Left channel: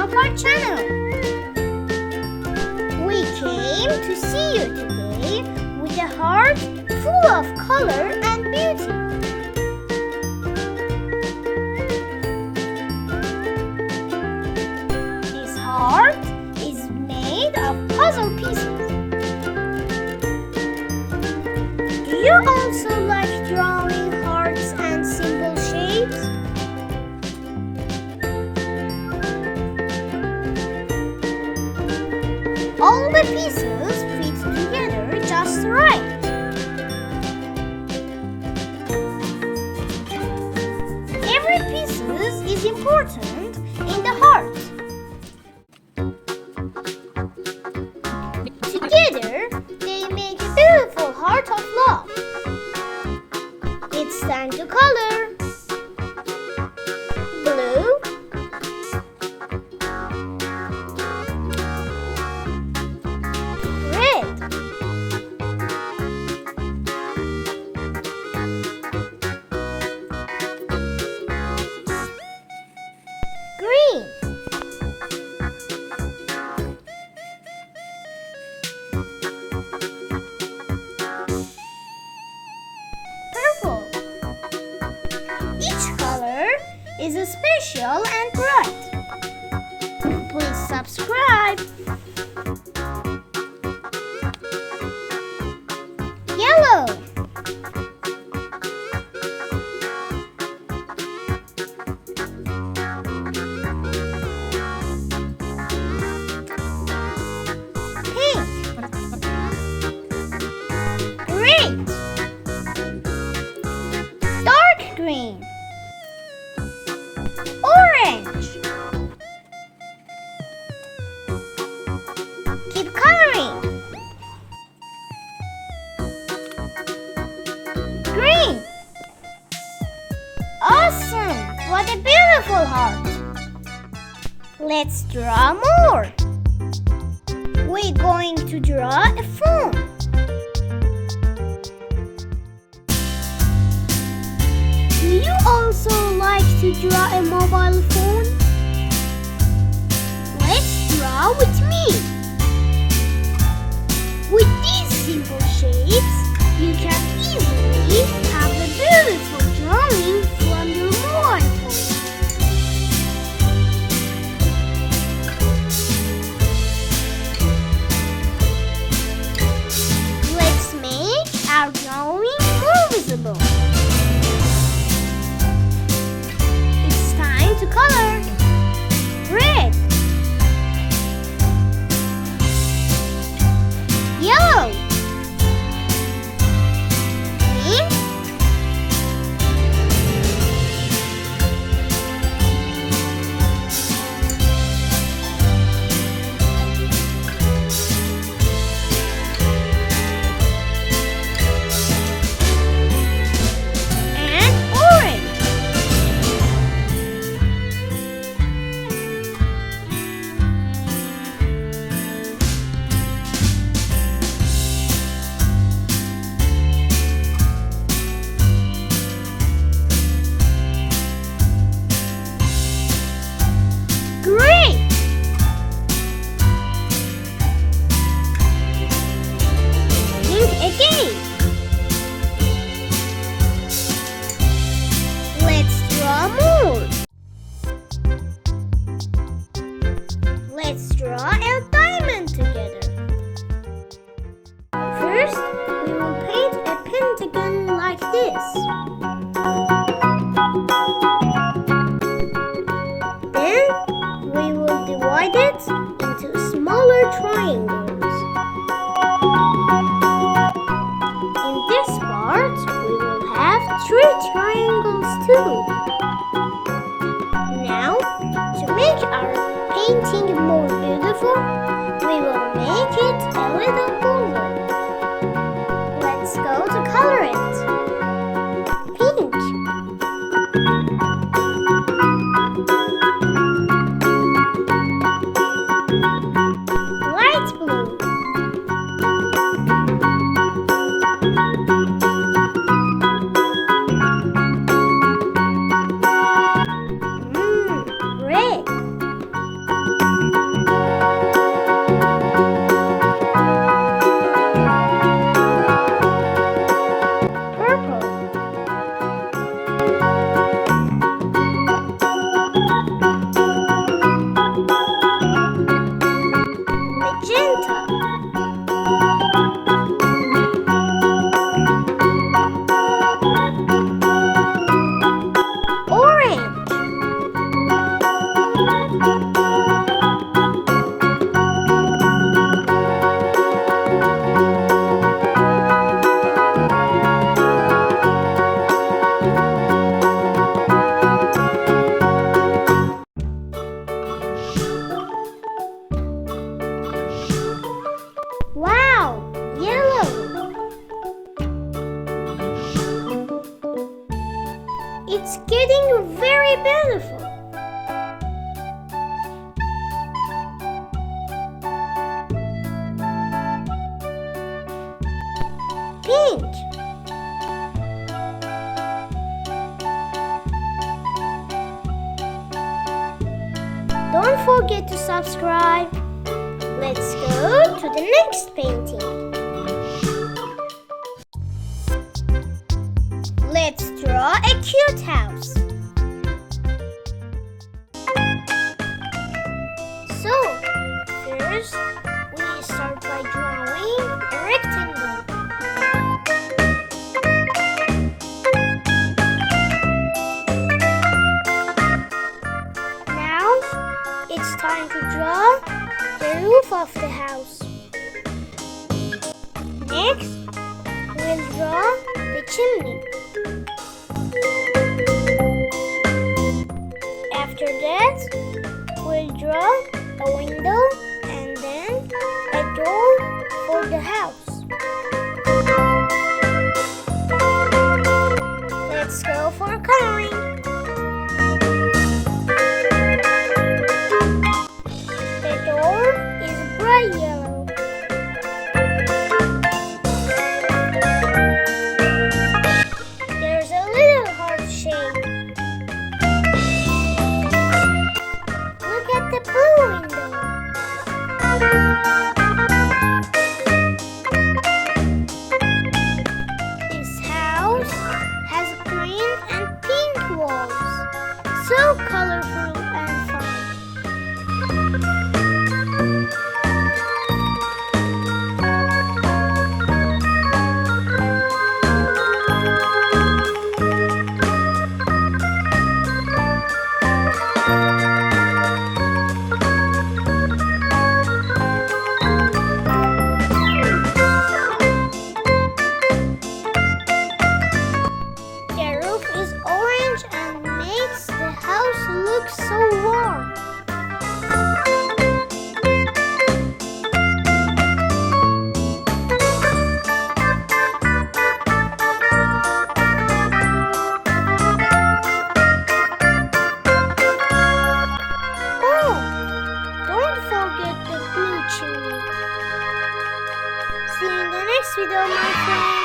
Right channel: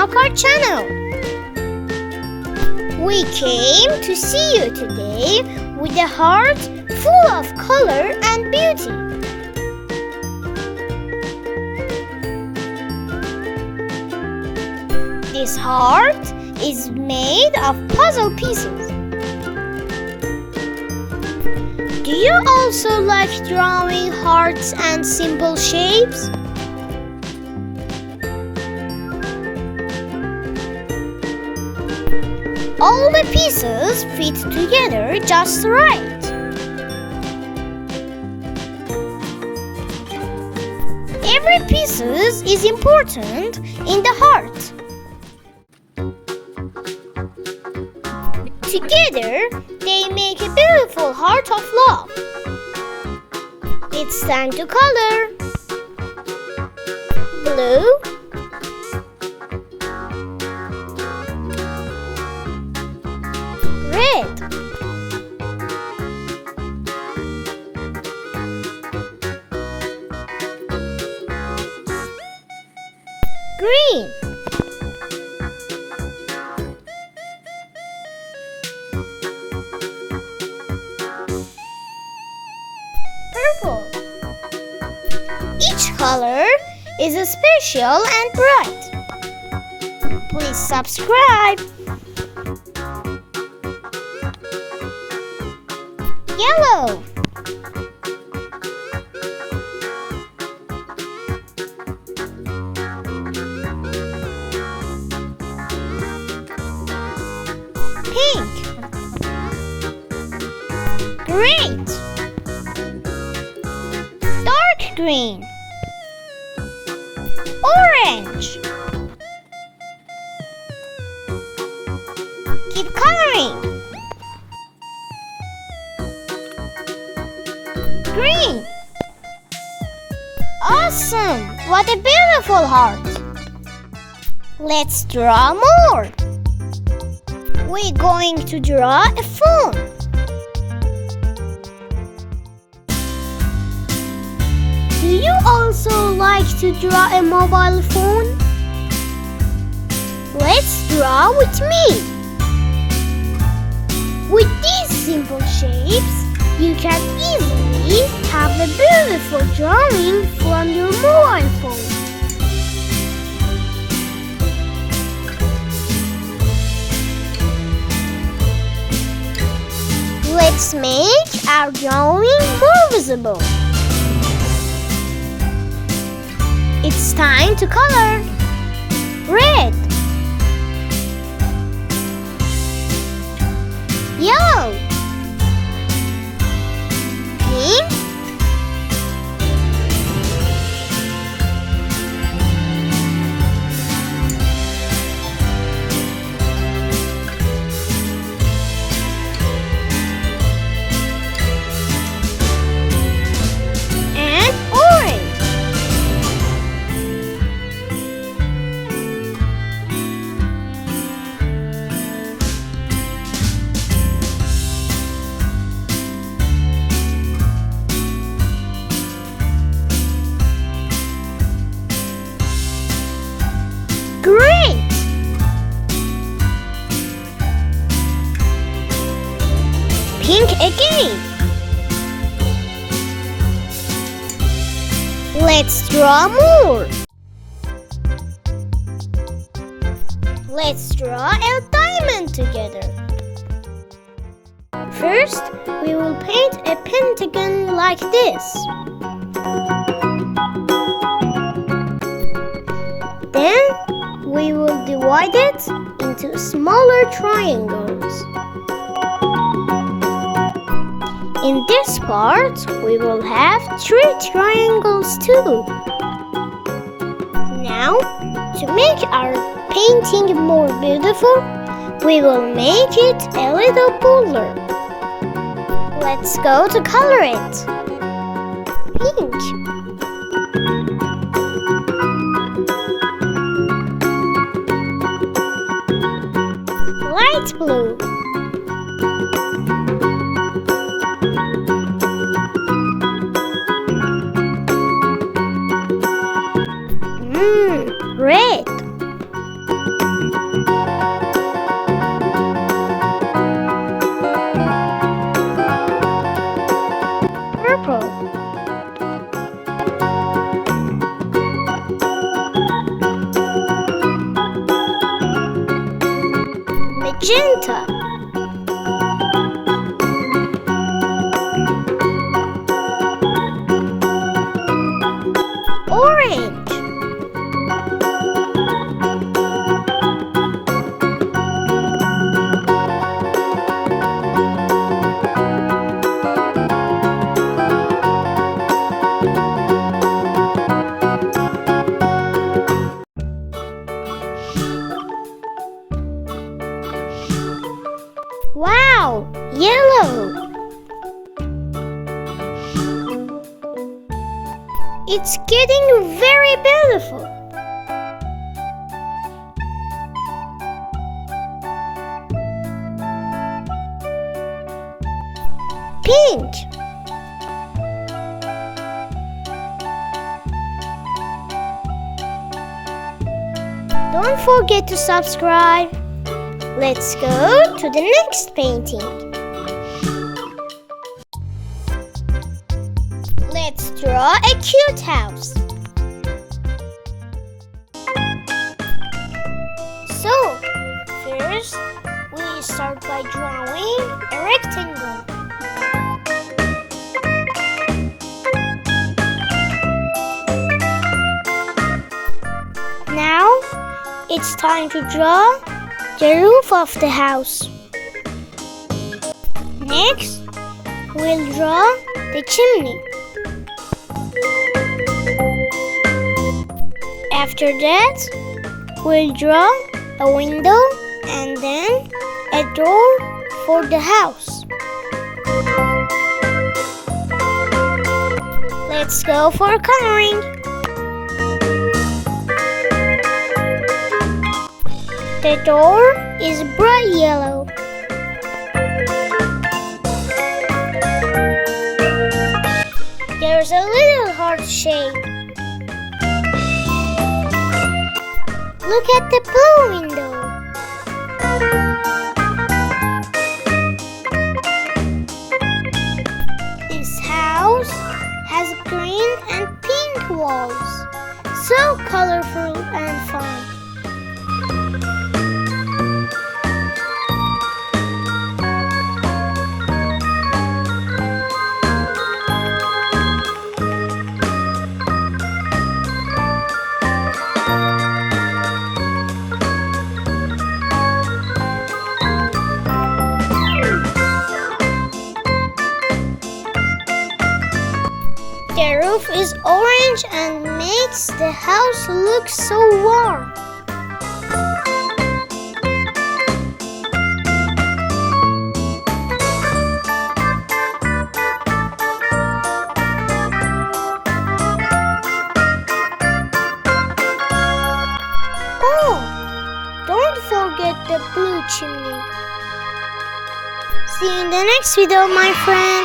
of our channel. We came to see you today with a heart full of color and beauty. This heart is made of puzzle pieces. Do you also like drawing hearts and simple shapes? All the pieces fit together just right. Every piece is important in the heart. Together, they make a beautiful heart of love. It's time to color. Blue, red, green, purple. Each color is special and bright. Please subscribe. Yellow, pink, green, dark green, orange. Keep coloring. Green. Awesome! What a beautiful heart. Let's draw more. We're going to draw a phone. Do you also like to draw a mobile phone? Let's draw with me. With these simple shapes, you can easily have a beautiful drawing from your mobile phone. Let's make our drawing more visible. It's time to color. Red, yellow, green, and orange. Green, pink again. Let's draw more. Let's draw a diamond together. First, we will paint a pentagon like this. Then, we will divide it into smaller triangles. In this part, we will have 3 triangles too. Now, to make our painting more beautiful, we will make it a little bolder. Let's go to color it. Pink, light blue, red, It's getting very beautiful. Pink. Don't forget to subscribe. Let's go to the next painting. Let's draw a cute house. So, first, we start by drawing a rectangle. Now, it's time to draw the roof of the house. Next, we'll draw the chimney. After that, we'll draw a window and then a door for the house. Let's go for coloring. The door is bright yellow. There's a little heart shape. Look at the blue window. This house has green and pink walls. So colorful and fun. The roof is orange and makes the house look so warm. Oh, don't forget the blue chimney. See you in the next video, my friends.